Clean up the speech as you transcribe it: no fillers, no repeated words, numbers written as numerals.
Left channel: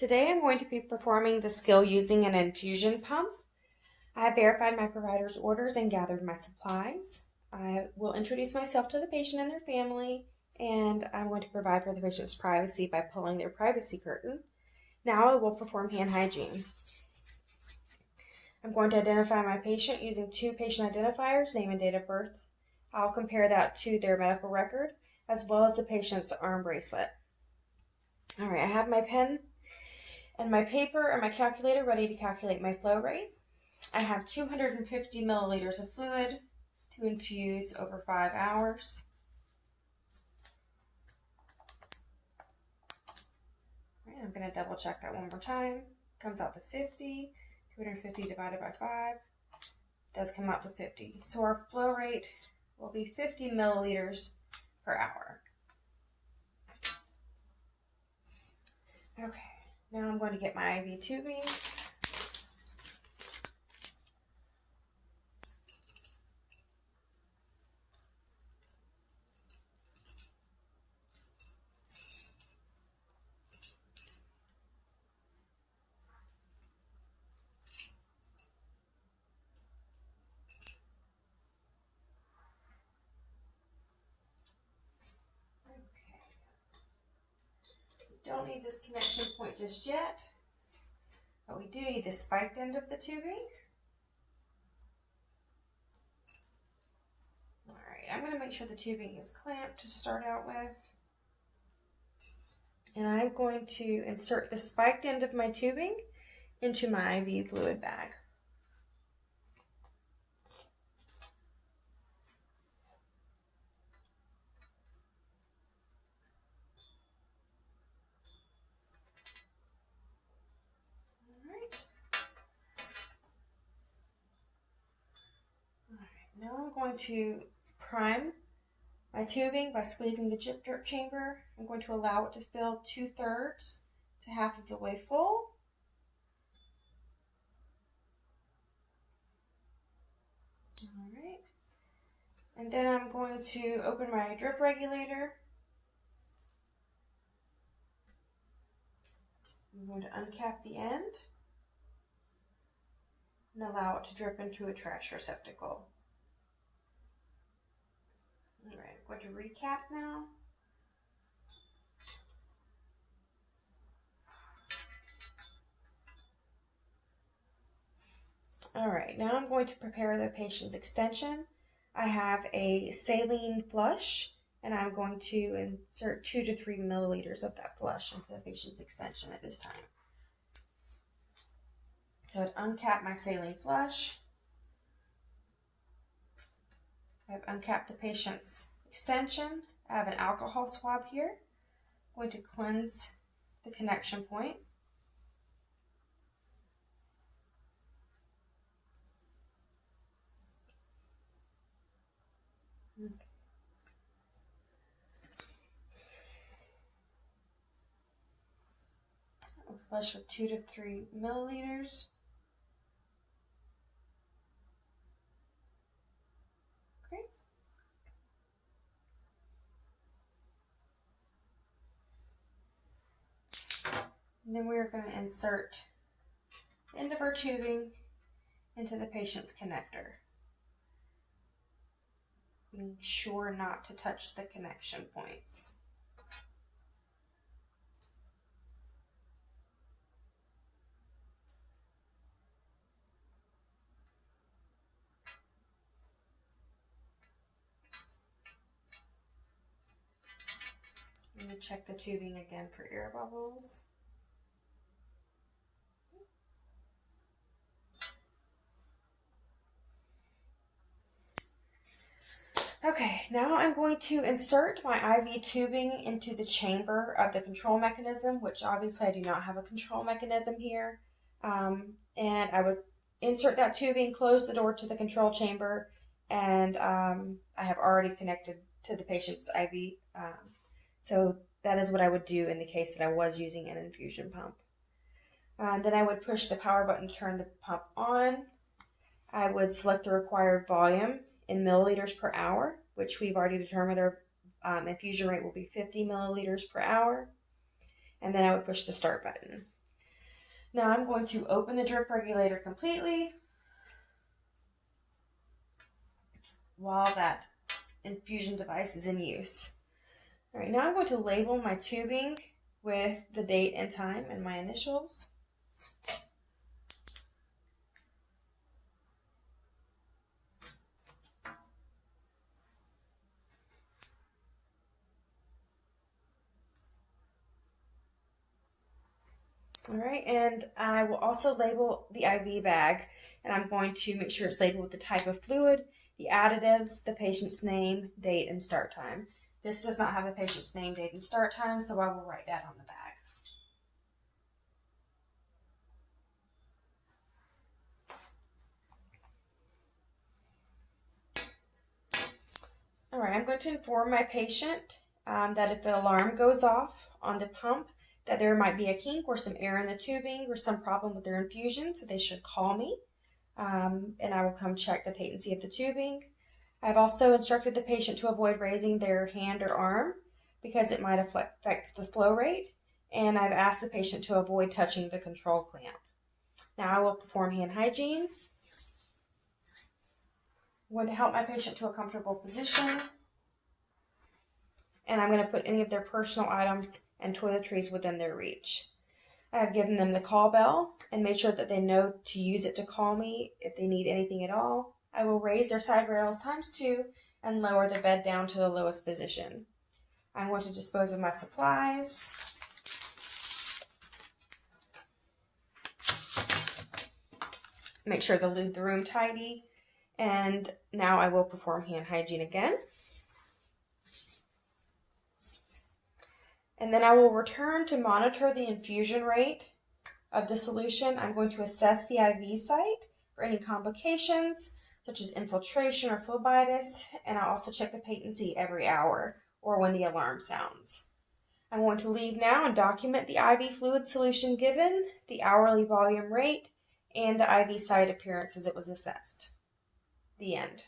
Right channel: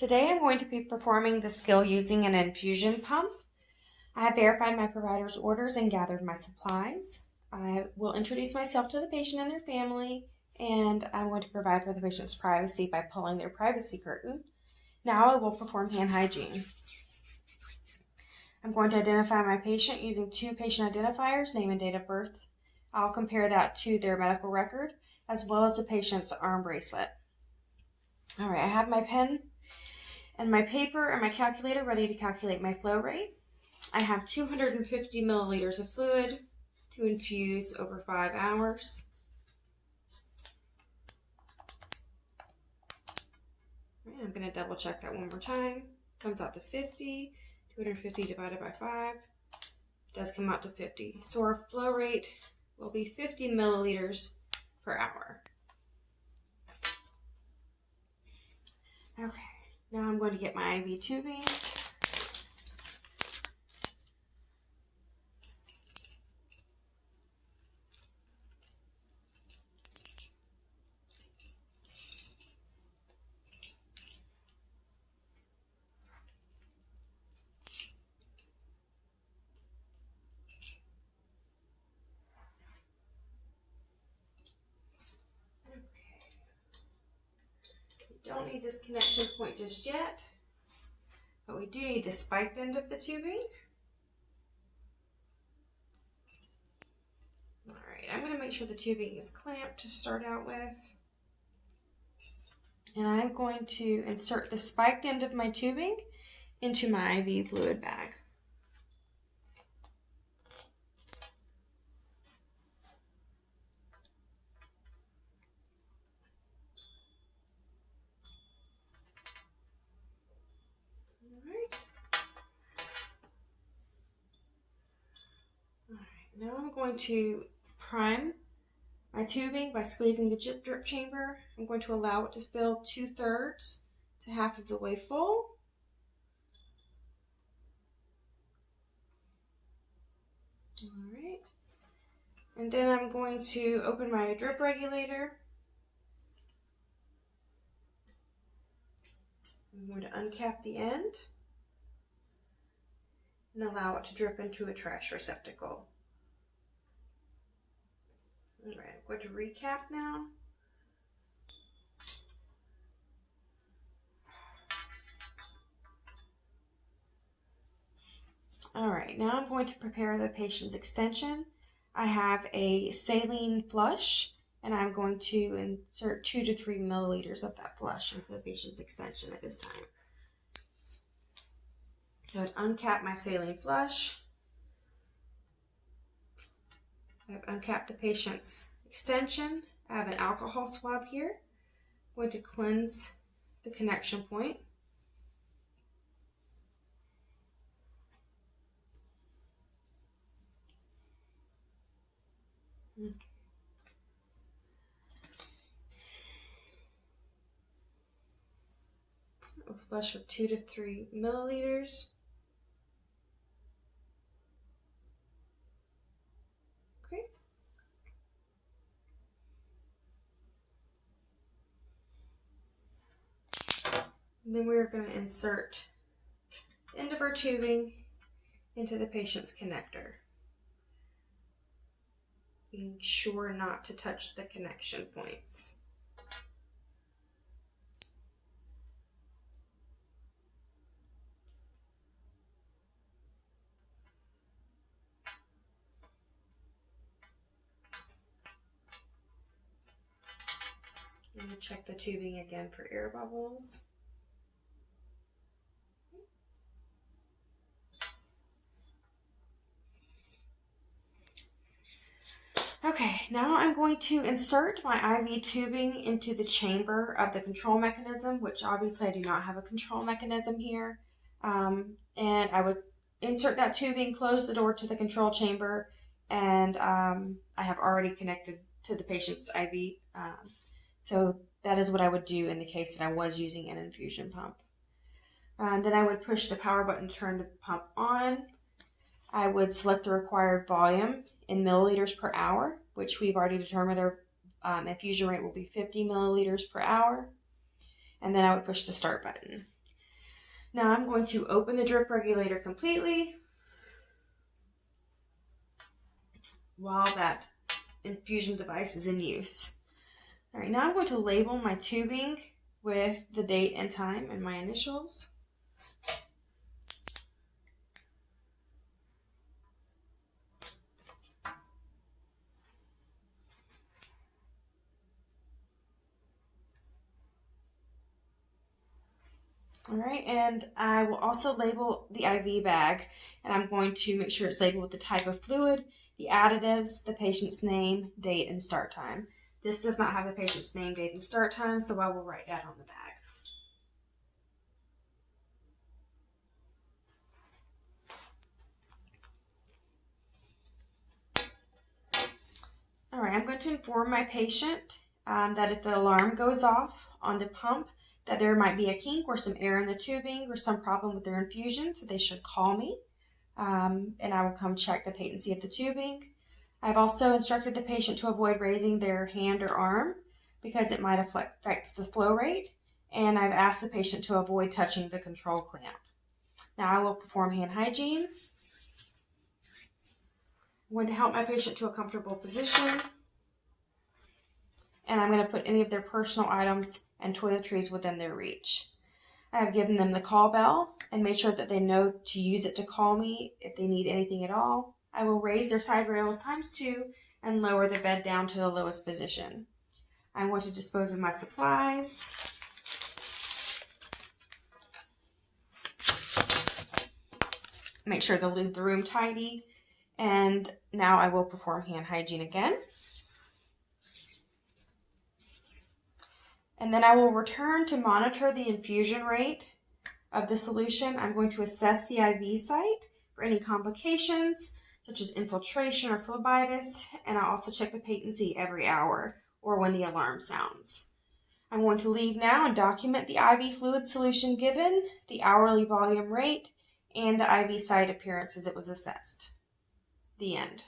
Today I'm going to be performing the skill using an infusion pump. I have verified my provider's orders and gathered my supplies. I will introduce myself to the patient and their family, and I'm going to provide for the patient's privacy by pulling their privacy curtain. Now I will perform hand hygiene. I'm going to identify my patient using two patient identifiers, name and date of birth. I'll compare that to their medical record as well as the patient's arm bracelet. Alright, I have my pen and my paper and my calculator ready to calculate my flow rate. I have 250 milliliters of fluid to infuse over 5 hours. I'm going to double check that one more time. Comes out to 50. 250 divided by 5 does come out to 50. So our flow rate will be 50 milliliters per hour. Okay, now I'm going to get my IV tubing. Don't need this connection point just yet, but we do need the spiked end of the tubing. Alright, I'm going to make sure the tubing is clamped to start out with. And I'm going to insert the spiked end of my tubing into my IV fluid bag. Now I'm going to prime my tubing by squeezing the drip chamber. I'm going to allow it to fill 2/3 to half of the way full. Alright. And then I'm going to open my drip regulator. I'm going to uncap the end and allow it to drip into a trash receptacle. Alright, I'm going to recap now. Alright, now I'm going to prepare the patient's extension. I have a saline flush, and I'm going to insert 2 to 3 milliliters of that flush into the patient's extension at this time. So I'd uncap my saline flush. I've uncapped the patient's extension. I have an alcohol swab here. I'm going to cleanse the connection point. Okay. I'll flush with 2 to 3 milliliters. And then we're going to insert the end of our tubing into the patient's connector, being sure not to touch the connection points. I'm going to check the tubing again for air bubbles. Okay, now I'm going to insert my IV tubing into the chamber of the control mechanism, which obviously I do not have a control mechanism here. And I would insert that tubing, close the door to the control chamber, and I have already connected to the patient's IV. So that is what I would do in the case that I was using an infusion pump. And then I would push the power button to turn the pump on. I would select the required volume in milliliters per hour, which we've already determined our infusion rate will be 50 milliliters per hour. And then I would push the start button. Now I'm going to open the drip regulator completely while that infusion device is in use. All right, now I'm going to label my tubing with the date and time and my initials. All right, and I will also label the IV bag, and I'm going to make sure it's labeled with the type of fluid, the additives, the patient's name, date, and start time. This does not have the patient's name, date, and start time, so I will write that on the bag. All right, I'm going to inform my patient that if the alarm goes off on the pump, that there might be a kink or some air in the tubing or some problem with their infusion, so they should call me, and I will come check the patency of the tubing. I've also instructed the patient to avoid raising their hand or arm because it might affect the flow rate, and I've asked the patient to avoid touching the control clamp. Now I will perform hand hygiene. I'm going to help my patient to a comfortable position, and I'm going to put any of their personal items and toiletries within their reach. I have given them the call bell and made sure that they know to use it to call me if they need anything at all. I will raise their side rails ×2 and lower the bed down to the lowest position. I'm going to dispose of my supplies. Make sure to leave the room tidy. And now I will perform hand hygiene again. And then I will return to monitor the infusion rate of the solution. I'm going to assess the IV site for any complications, such as infiltration or phlebitis, and I'll also check the patency every hour or when the alarm sounds. I'm going to leave now and document the IV fluid solution given, the hourly volume rate, and the IV site appearance as it was assessed. The end.